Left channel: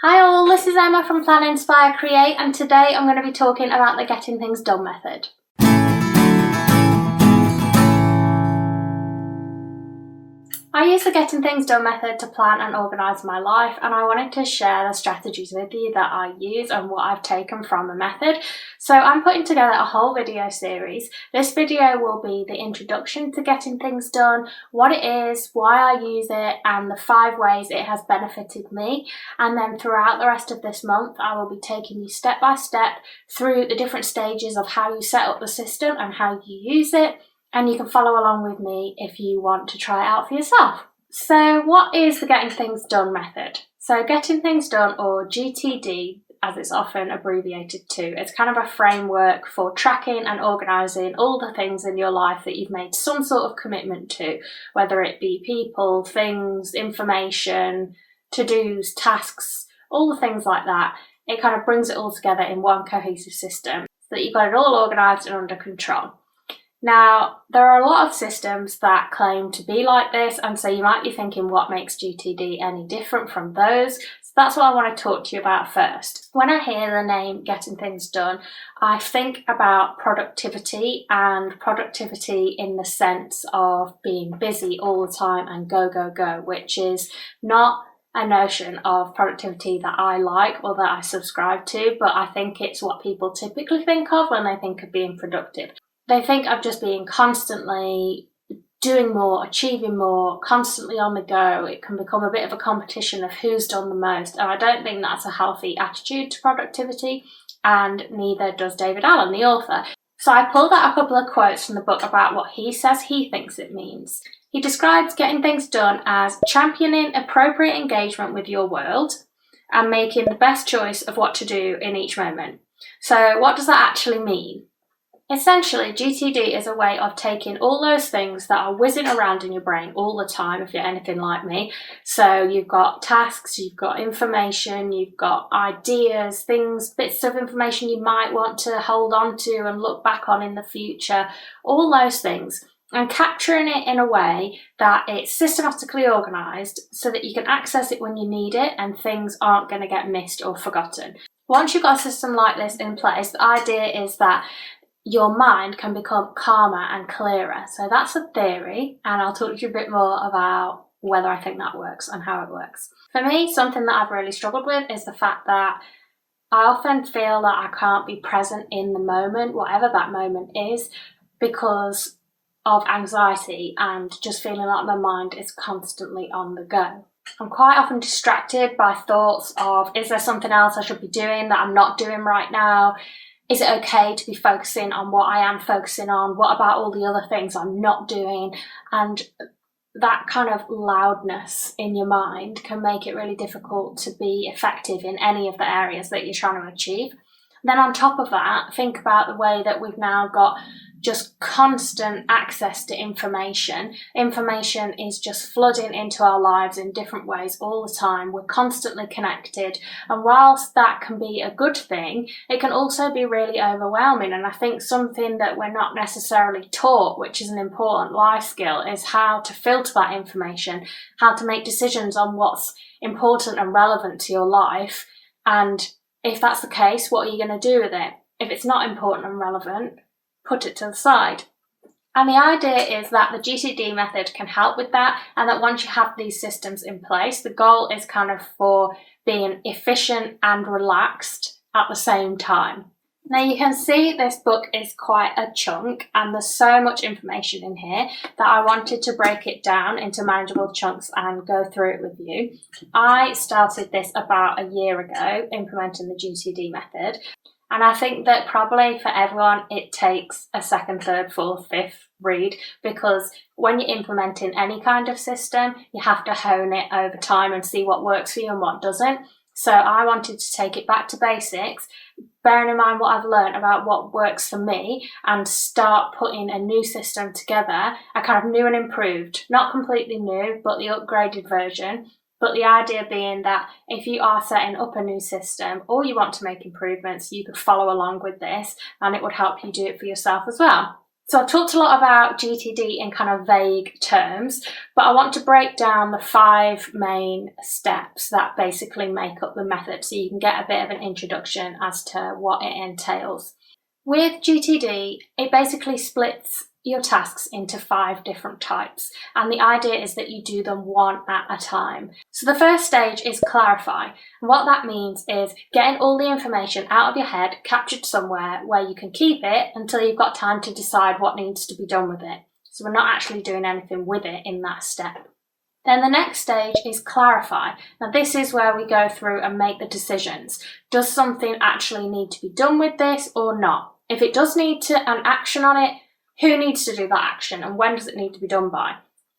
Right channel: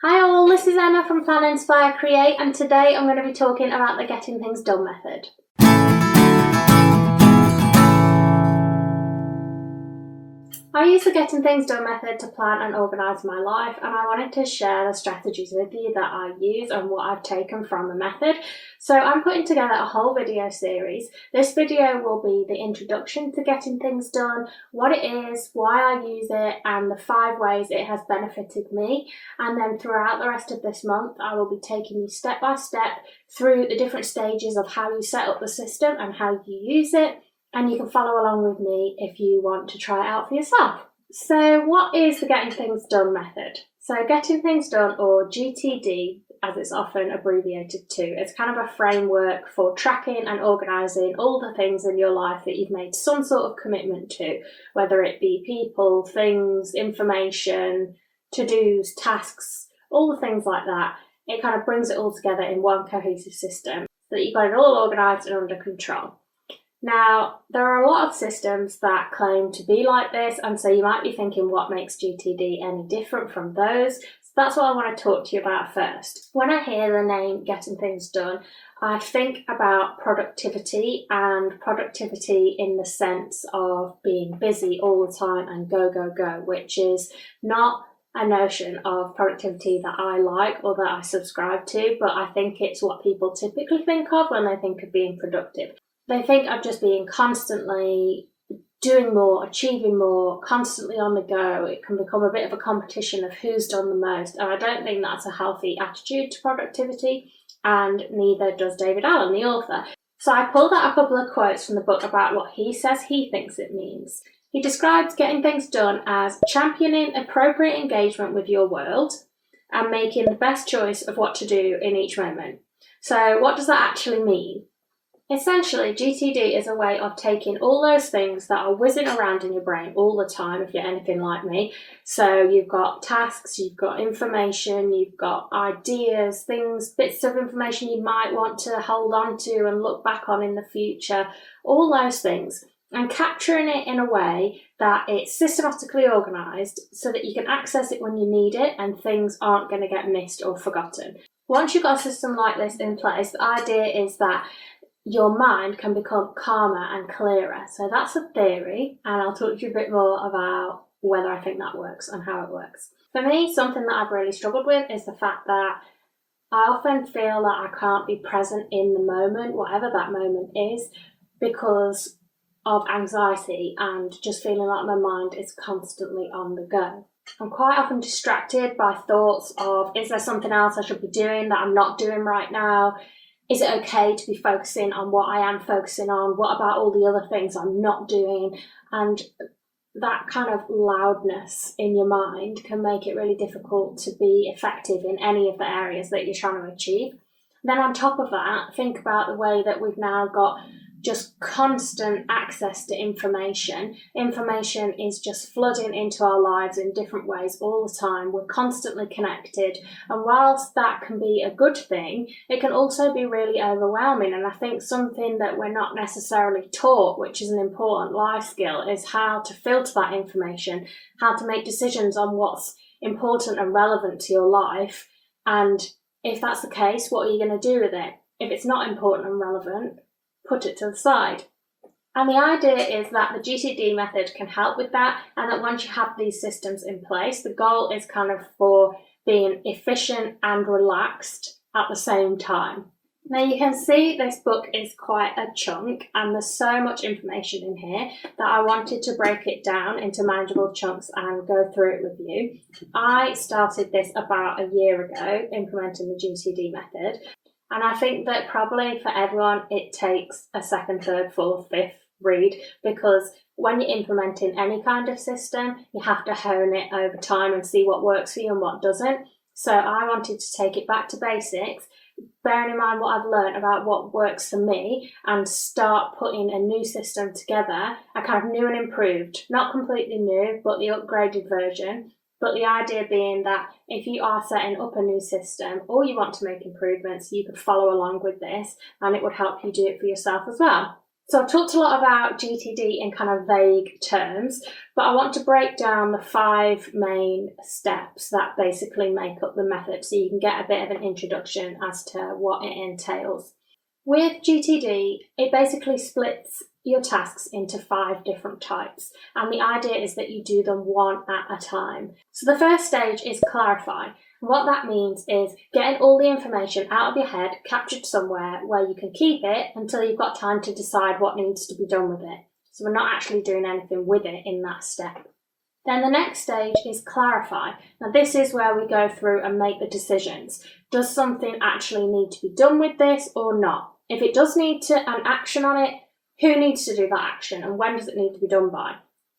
Hi all, this is Emma from Plan, Inspire, Create, and today I'm going to be talking about the Getting Things Done method. I use the Getting Things Done method to plan and organise my life, and I wanted to share the strategies with you that I use and what I've taken from the method. So I'm putting together a whole video series. This video will be the introduction to getting things done, what it is, why I use it, and the 5 ways it has benefited me. And then throughout the rest of this month, I will be taking you step by step through the different stages of how you set up the system and how you use it. And you can follow along with me if you want to try it out for yourself. So what is the Getting Things Done method? So Getting Things Done, or GTD, as it's often abbreviated to, is kind of a framework for tracking and organising all the things in your life that you've made some sort of commitment to, whether it be people, things, information, to-dos, tasks, all the things like that. It kind of brings it all together in one cohesive system so that you've got it all organised and under control. Now, there are a lot of systems that claim to be like this, and so you might be thinking, what makes GTD any different from those? So that's what I want to talk to you about first. When I hear the name Getting Things Done, I think about productivity, and productivity in the sense of being busy all the time and go, go, go, which is not a notion of productivity that I like or that I subscribe to, but I think it's what people typically think of when they think of being productive. They think of just being constantly doing more, achieving more, constantly on the go. It can become a bit of a competition of who's done the most. And I don't think that's a healthy attitude to productivity, and neither does David Allen, the author. So I pulled out a couple of quotes from the book about what he says he thinks it means. He describes getting things done as championing appropriate engagement with your world and making the best choice of what to do in each moment. So what does that actually mean? Essentially, GTD is a way of taking all those things that are whizzing around in your brain all the time, if you're anything like me. So you've got tasks, you've got information, you've got ideas, things, bits of information you might want to hold on to and look back on in the future, all those things, and capturing it in a way that it's systematically organised so that you can access it when you need it and things aren't going to get missed or forgotten. Once you've got a system like this in place, the idea is that your mind can become calmer and clearer. So that's a theory, and I'll talk to you a bit more about whether I think that works and how it works. For me, something that I've really struggled with is the fact that I often feel that I can't be present in the moment, whatever that moment is, because of anxiety and just feeling like my mind is constantly on the go. I'm quite often distracted by thoughts of, is there something else I should be doing that I'm not doing right now? Is it okay to be focusing on what I am focusing on? What about all the other things I'm not doing? And that kind of loudness in your mind can make it really difficult to be effective in any of the areas that you're trying to achieve. Then on top of that, think about the way that we've now got just constant access to information. Information is just flooding into our lives in different ways all the time. We're constantly connected. And whilst that can be a good thing, it can also be really overwhelming. And I think something that we're not necessarily taught, which is an important life skill, is how to filter that information, how to make decisions on what's important and relevant to your life. And if that's the case, what are you going to do with it? If it's not important and relevant, put it to the side. And the idea is that the GTD method can help with that, and that once you have these systems in place, the goal is kind of for being efficient and relaxed at the same time. Now you can see this book is quite a chunk, and there's so much information in here that I wanted to break it down into manageable chunks and go through it with you. I started this about a year ago, implementing the GTD method. And I think that probably for everyone, it takes a second, third, fourth, fifth read, because when you're implementing any kind of system, you have to hone it over time and see what works for you and what doesn't. So I wanted to take it back to basics, bearing in mind what I've learned about what works for me, and start putting a new system together, a kind of new and improved, not completely new, but the upgraded version. But the idea being that if you are setting up a new system or you want to make improvements, you could follow along with this and it would help you do it for yourself as well. So I've talked a lot about GTD in kind of vague terms, but I want to break down the 5 main steps that basically make up the method so you can get a bit of an introduction as to what it entails. With GTD, it basically splits your tasks into 5 different types, and the idea is that you do them one at a time. So the first stage is clarify. And what that means is getting all the information out of your head, captured somewhere where you can keep it until you've got time to decide what needs to be done with it. So we're not actually doing anything with it in that step. Then the next stage is clarify. Now this is where we go through and make the decisions. Does something actually need to be done with this or not? If it does need an action on it, who needs to do that action and when does it need to be done by?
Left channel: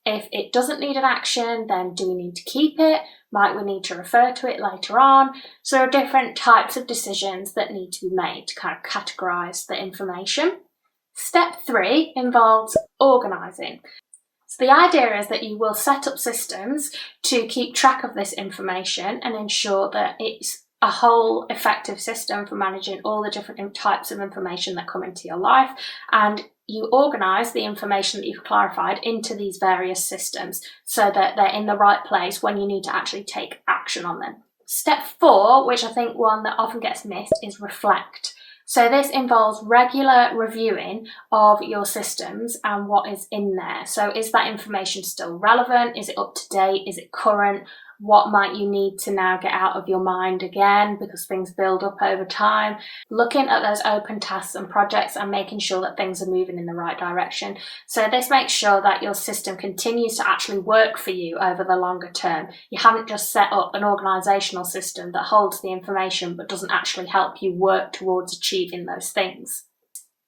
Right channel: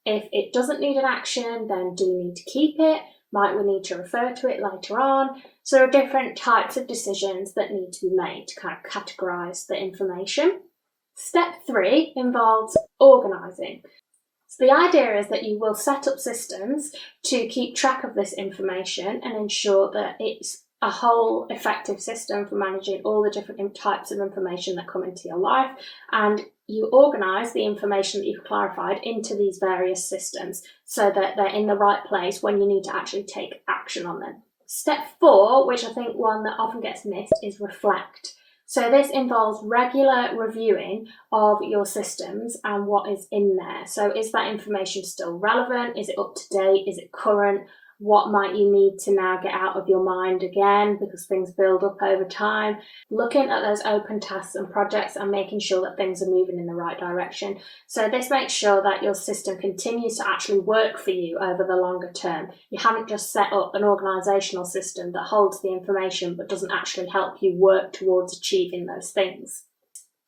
If it doesn't need an action, then do we need to keep it? Might we need to refer to it later on? So there are different types of decisions that need to be made to kind of categorise the information. Step 3 involves organising. So the idea is that you will set up systems to keep track of this information and ensure that it's a whole effective system for managing all the different types of information that come into your life, and you organise the information that you've clarified into these various systems so that they're in the right place when you need to actually take action on them. Step 4, which I think one that often gets missed, is reflect. So this involves regular reviewing of your systems and what is in there. So is that information still relevant? Is it up to date? Is it current? What might you need to now get out of your mind again because things build up over time? Looking at those open tasks and projects and making sure that things are moving in the right direction. So this makes sure that your system continues to actually work for you over the longer term. You haven't just set up an organisational system that holds the information but doesn't actually help you work towards achieving those things.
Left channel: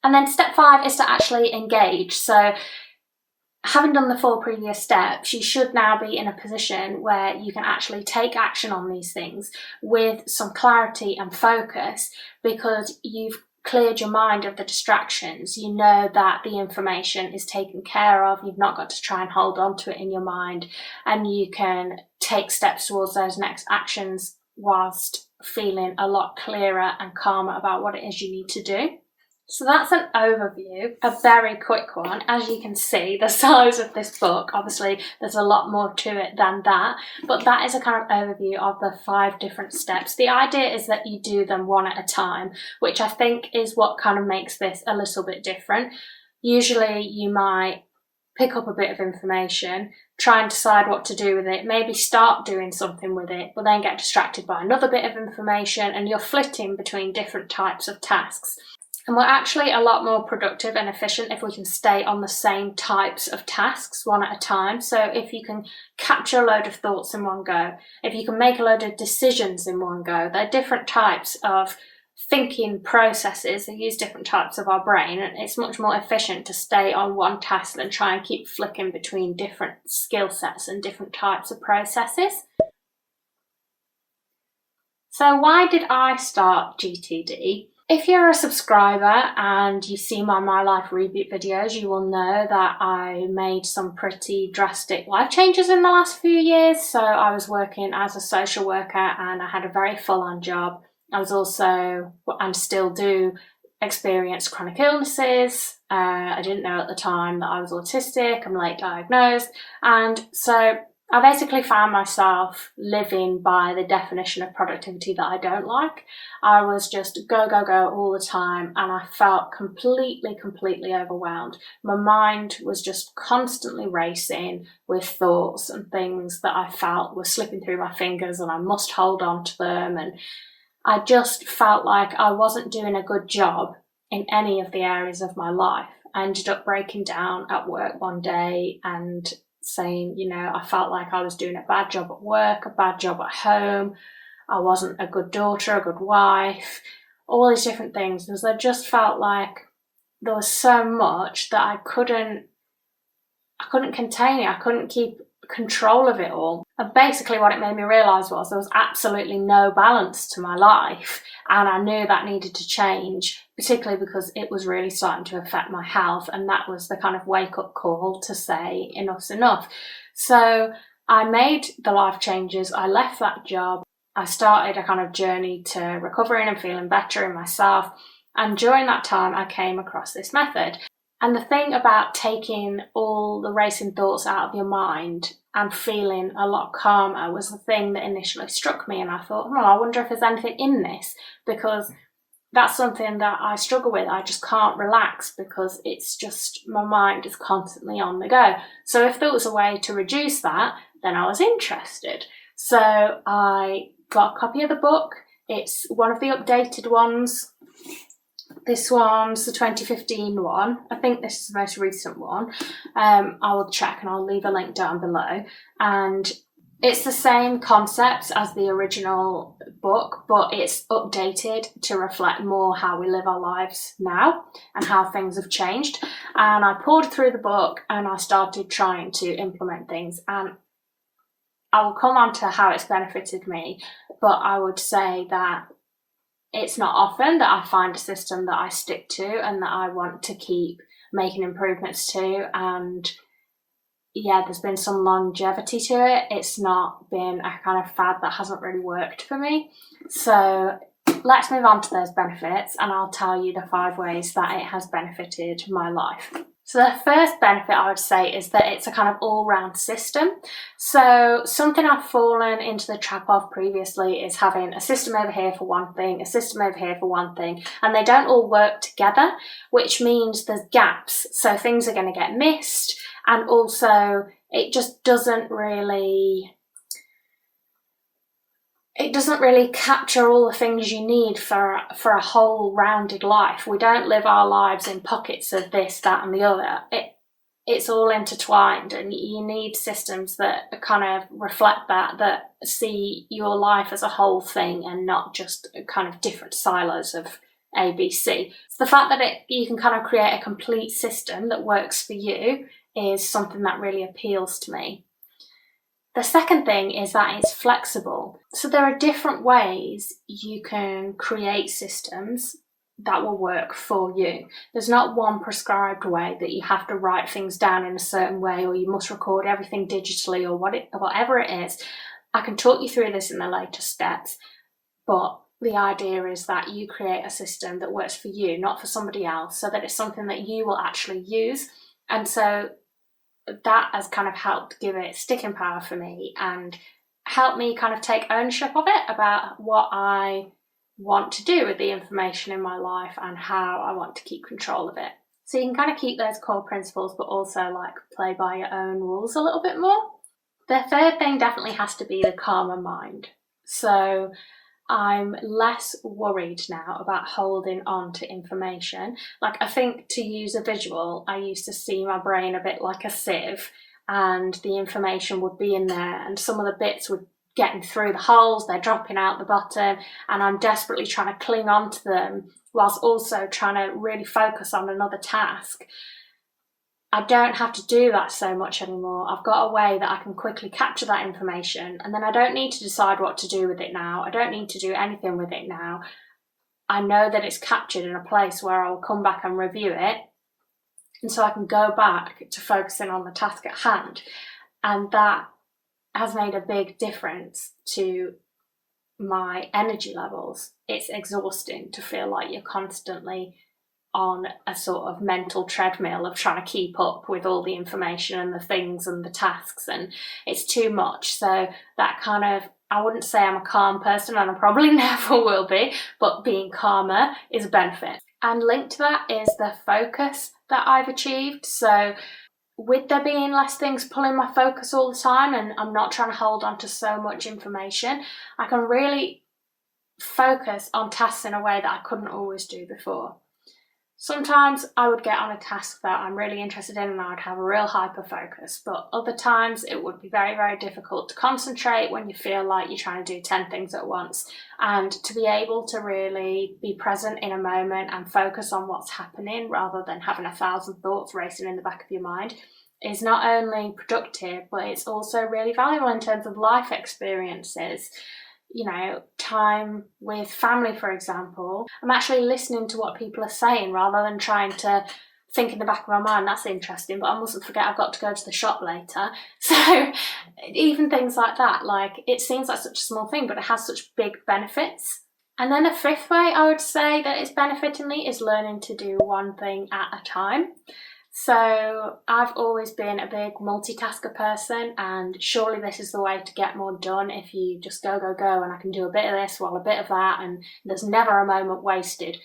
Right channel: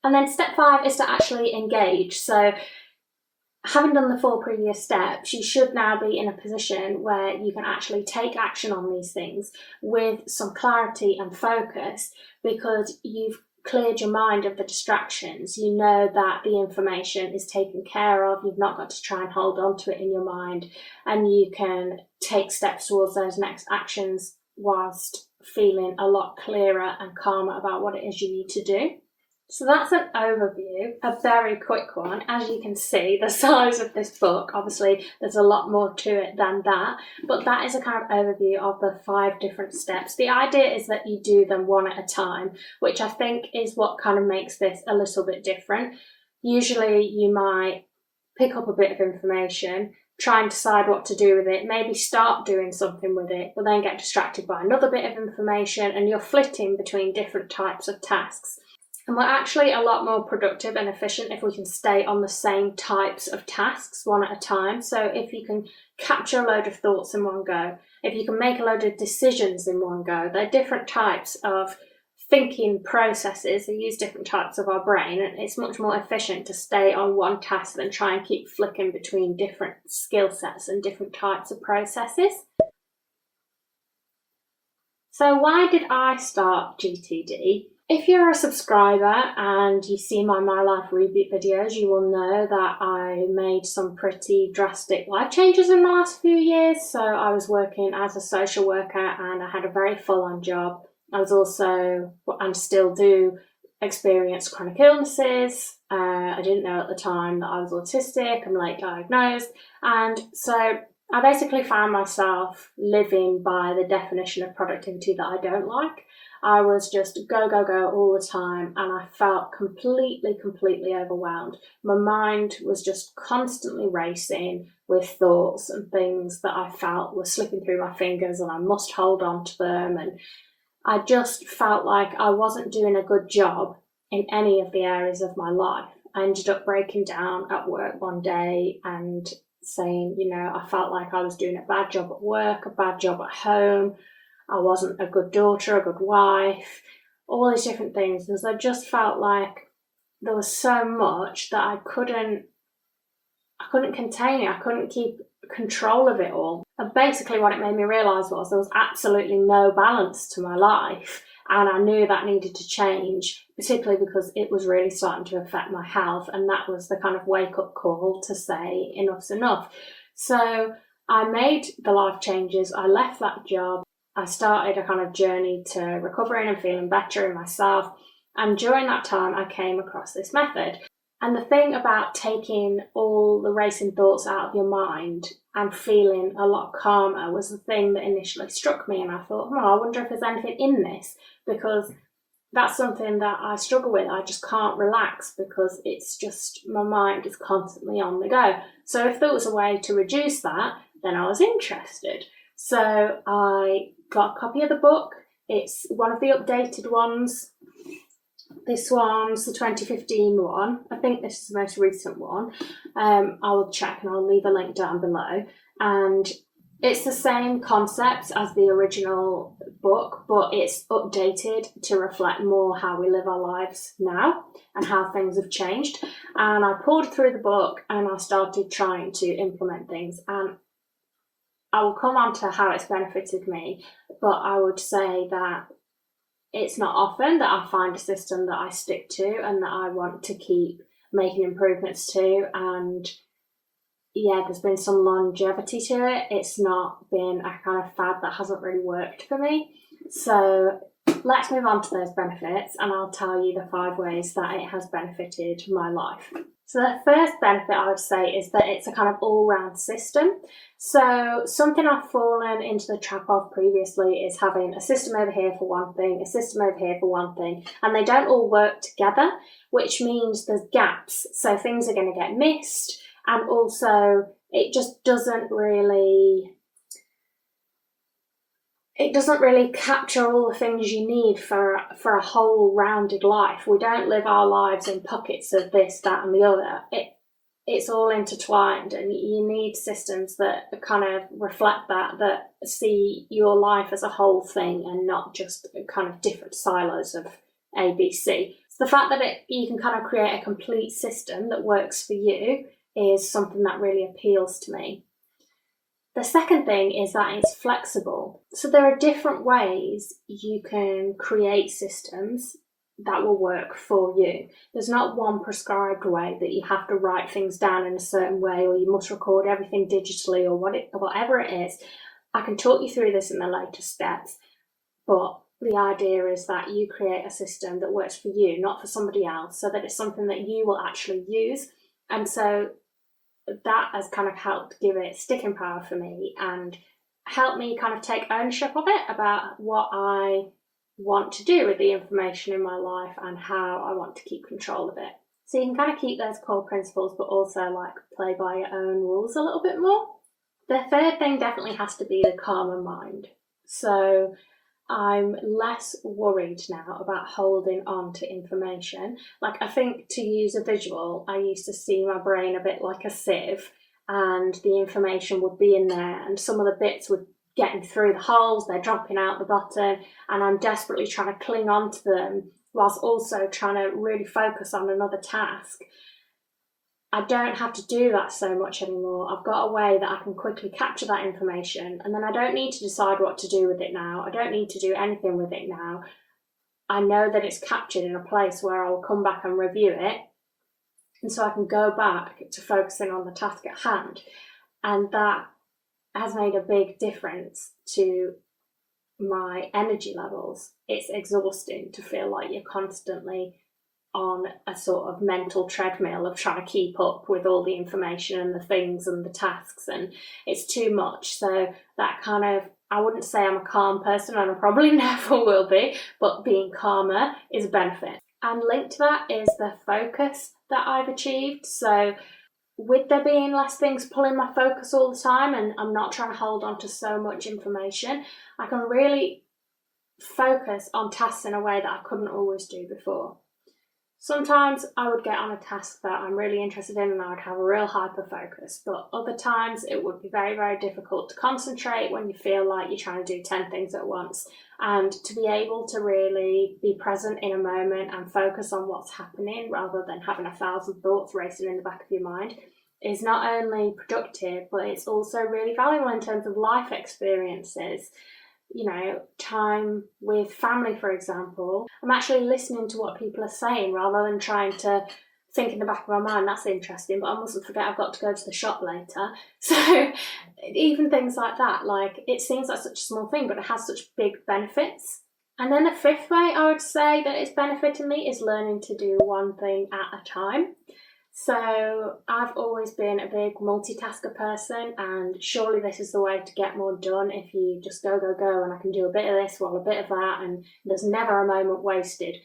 And then step 5 is to actually engage. So having done the 4 previous steps, you should now be in a position where you can actually take action on these things with some clarity and focus because you've cleared your mind of the distractions. You know that the information is taken care of. You've not got to try and hold on to it in your mind, and you can take steps towards those next actions whilst feeling a lot clearer and calmer about what it is you need to do. So that's an overview, a very quick one. As you can see, the size of this book, obviously there's a lot more to it than that, but that is a kind of overview of the 5 different steps. The idea is that you do them one at a time, which I think is what kind of makes this a little bit different. Usually you might pick up a bit of information, try and decide what to do with it, maybe start doing something with it, but then get distracted by another bit of information and you're flitting between different types of tasks. And we're actually a lot more productive and efficient if we can stay on the same types of tasks one at a time. So if you can capture a load of thoughts in one go, if you can make a load of decisions in one go, they're different types of thinking processes. They use different types of our brain, and it's much more efficient to stay on one task than try and keep flicking between different skill sets and different types of processes. So why did I start GTD? If you're a subscriber and you've seen my life reboot videos, you will know that I made some pretty drastic life changes in the last few years. So I was working as a social worker and I had a very full-on job. I was also, and still do, experience chronic illnesses. I didn't know at the time that I was autistic. I'm late diagnosed. And so I basically found myself living by the definition of productivity that I don't like. I was just go, go, go all the time, and I felt completely overwhelmed. My mind was just constantly racing with thoughts and things that I felt were slipping through my fingers and I must hold on to them. And I just felt like I wasn't doing a good job in any of the areas of my life. I ended up breaking down at work one day and saying, I felt like I was doing a bad job at work, a bad job at home. I wasn't a good daughter, a good wife, all these different things. Because I just felt like there was so much that I couldn't contain it. I couldn't keep control of it all. And basically what it made me realise was there was absolutely no balance to my life, and I knew that needed to change, particularly because it was really starting to affect my health, and that was the kind of wake-up call to say enough's enough. So I made the life changes. I left that job. I started a kind of journey to recovering and feeling better in myself, and during that time I came across this method. And the thing about taking all the racing thoughts out of your mind and feeling a lot calmer was the thing that initially struck me. And I thought, I wonder if there's anything in this, because that's something that I struggle with. I just can't relax because it's just, my mind is constantly on the go. So if there was a way to reduce that, then I was interested. So I got a copy of the book. It's one of the updated ones. This one's the 2015 one. I think this is the most recent one. I will check and I'll leave a link down below. And it's the same concepts as the original book, but it's updated to reflect more how we live our lives now and how things have changed. And I poured through the book and I started trying to implement things. And I will come on to how it's benefited me, but I would say that it's not often that I find a system that I stick to and that I want to keep making improvements to. And yeah, there's been some longevity to it. It's not been a kind of fad that hasn't really worked for me. So let's move on to those benefits, and I'll tell you the 5 ways that it has benefited my life. So the first benefit I would say is that it's a kind of all-round system. So something I've fallen into the trap of previously is having a system over here for one thing, a system over here for one thing, and they don't all work together, which means there's gaps. So things are going to get missed, and also it just doesn't really capture all the things you need for a whole rounded life. We don't live our lives in pockets of this, that and the other. It's all intertwined, and you need systems that kind of reflect that see your life as a whole thing and not just kind of different silos of ABC. So the fact that you can kind of create a complete system that works for you is something that really appeals to me. The second thing is that it's flexible. So there are different ways you can create systems that will work for you. There's not one prescribed way that you have to write things down in a certain way, or you must record everything digitally, or whatever it is. I can talk you through this in the later steps, but the idea is that you create a system that works for you, not for somebody else, so that it's something that you will actually use. And so that has kind of helped give it sticking power for me and help me kind of take ownership of it, about what I want to do with the information in my life and how I want to keep control of it. So you can kind of keep those core principles, but also like play by your own rules a little bit more. The third thing definitely has to be the calmer mind. So I'm less worried now about holding on to information. Like, I think, to use a visual, I used to see my brain a bit like a sieve, and the information would be in there and some of the bits would getting through the holes, they're dropping out the bottom, and I'm desperately trying to cling on to them whilst also trying to really focus on another task. I don't have to do that so much anymore. I've got a way that I can quickly capture that information, and then I don't need to decide what to do with it now. I don't need to do anything with it now. I know that it's captured in a place where I'll come back and review it, and so I can go back to focusing on the task at hand. And that has made a big difference to my energy levels. It's exhausting to feel like you're constantly on a sort of mental treadmill of trying to keep up with all the information and the things and the tasks, and it's too much. So that kind of, I wouldn't say I'm a calm person, and I probably never will be, but being calmer is a benefit. And linked to that is the focus that I've achieved. So with there being less things pulling my focus all the time, and I'm not trying to hold on to so much information, I can really focus on tasks in a way that I couldn't always do before. Sometimes I would get on a task that I'm really interested in and I would have a real hyper focus, but other times it would be very, very difficult to concentrate when you feel like you're trying to do 10 things at once. And to be able to really be present in a moment and focus on what's happening rather than having 1,000 thoughts racing in the back of your mind is not only productive, but it's also really valuable in terms of life experiences. You know, time with family, for example. I'm actually listening to what people are saying rather than trying to think in the back of my mind, that's interesting, but I mustn't forget I've got to go to the shop later. So even things like that, like, it seems like such a small thing, but it has such big benefits. And then a fifth way I would say that it's benefiting me is learning to do one thing at a time. So I've always been a big multitasker person, and surely this is the way to get more done if you just go, and I can do a bit of this while a bit of that, and there's never a moment wasted.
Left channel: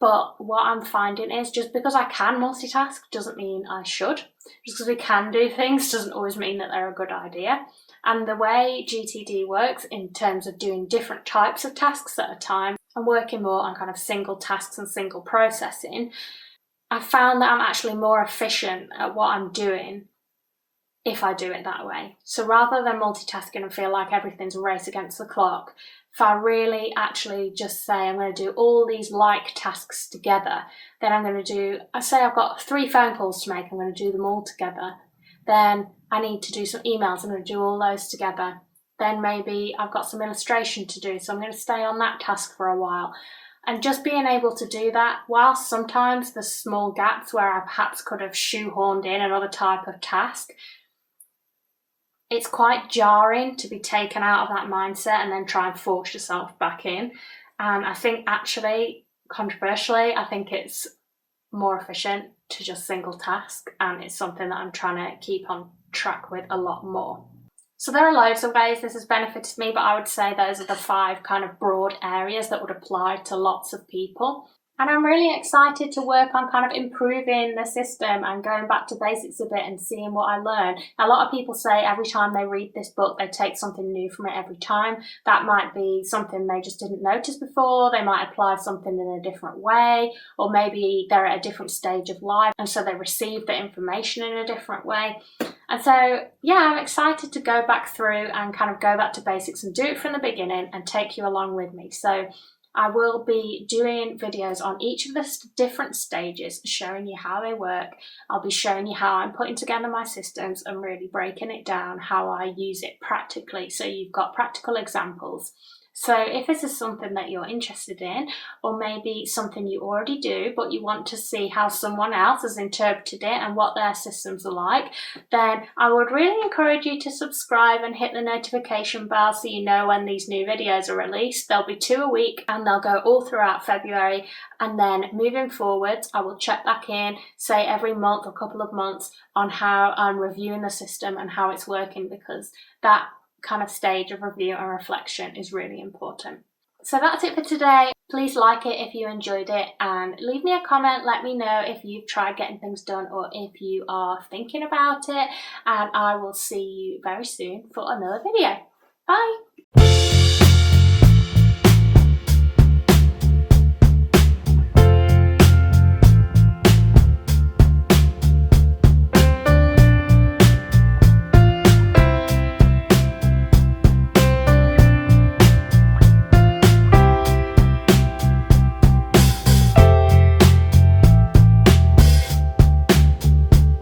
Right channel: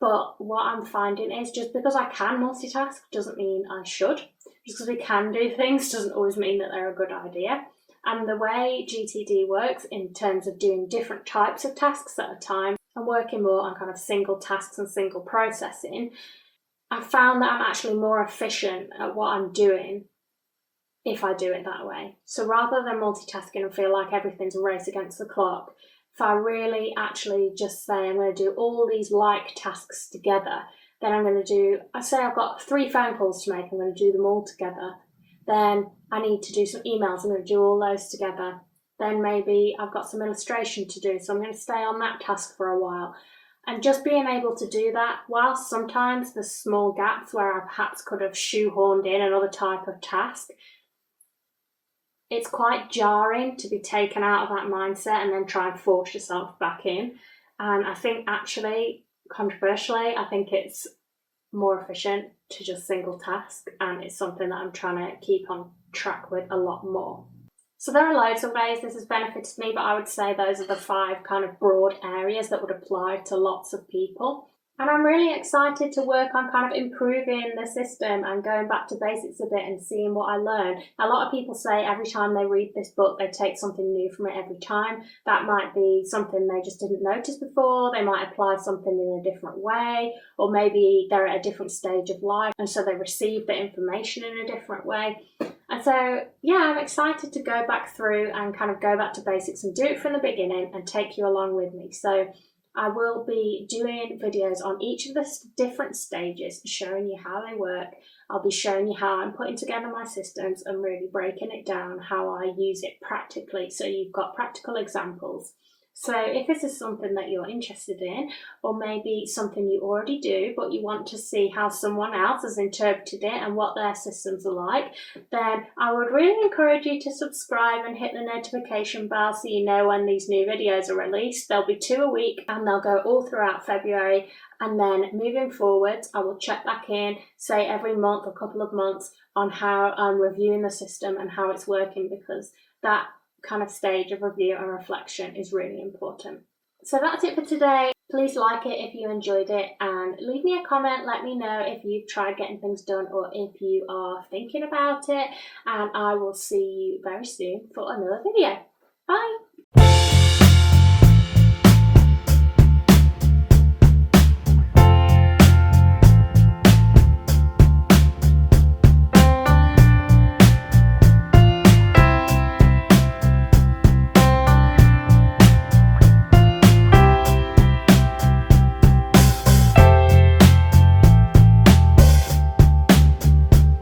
But what I'm finding is just because I can multitask doesn't mean I should. Just because we can do things doesn't always mean that they're a good idea. And the way GTD works in terms of doing different types of tasks at a time and working more on kind of single tasks and single processing, I found that I'm actually more efficient at what I'm doing if I do it that way. So rather than multitasking and feel like everything's a race against the clock, if I really actually just say I'm going to do all these like tasks together, then I'm going to do, I say I've got 3 phone calls to make, I'm going to do them all together. Then I need to do some emails, I'm going to do all those together. Then maybe I've got some illustration to do, so I'm going to stay on that task for a while. And just being able to do that, whilst sometimes there's small gaps where I perhaps could have shoehorned in another type of task, it's quite jarring to be taken out of that mindset and then try and force yourself back in. And I think actually, controversially, I think it's more efficient to just single task, and it's something that I'm trying to keep on track with a lot more. So there are loads of ways this has benefited me, but I would say those are the 5 kind of broad areas that would apply to lots of people. And I'm really excited to work on kind of improving the system and going back to basics a bit and seeing what I learn. A lot of people say every time they read this book, they take something new from it every time. That might be something they just didn't notice before. They might apply something in a different way, or maybe they're at a different stage of life and so they receive the information in a different way. And so, yeah, I'm excited to go back through and kind of go back to basics and do it from the beginning and take you along with me. So I will be doing videos on each of the different stages, showing you how they work. I'll be showing you how I'm putting together my systems and really breaking it down, how I use it practically, so you've got practical examples. So if this is something that you're interested in, or maybe something you already do, but you want to see how someone else has interpreted it and what their systems are like, then I would really encourage you to subscribe and hit the notification bell so you know when these new videos are released. There'll be 2 a week and they'll go all throughout February. And then moving forwards, I will check back in, say every month or couple of months, on how I'm reviewing the system and how it's working, because that kind of stage of review and reflection is really important. So that's it for today. Please like it if you enjoyed it, and leave me a comment. Let me know if you've tried getting things done or if you are thinking about it, and I will see you very soon for another video. Bye!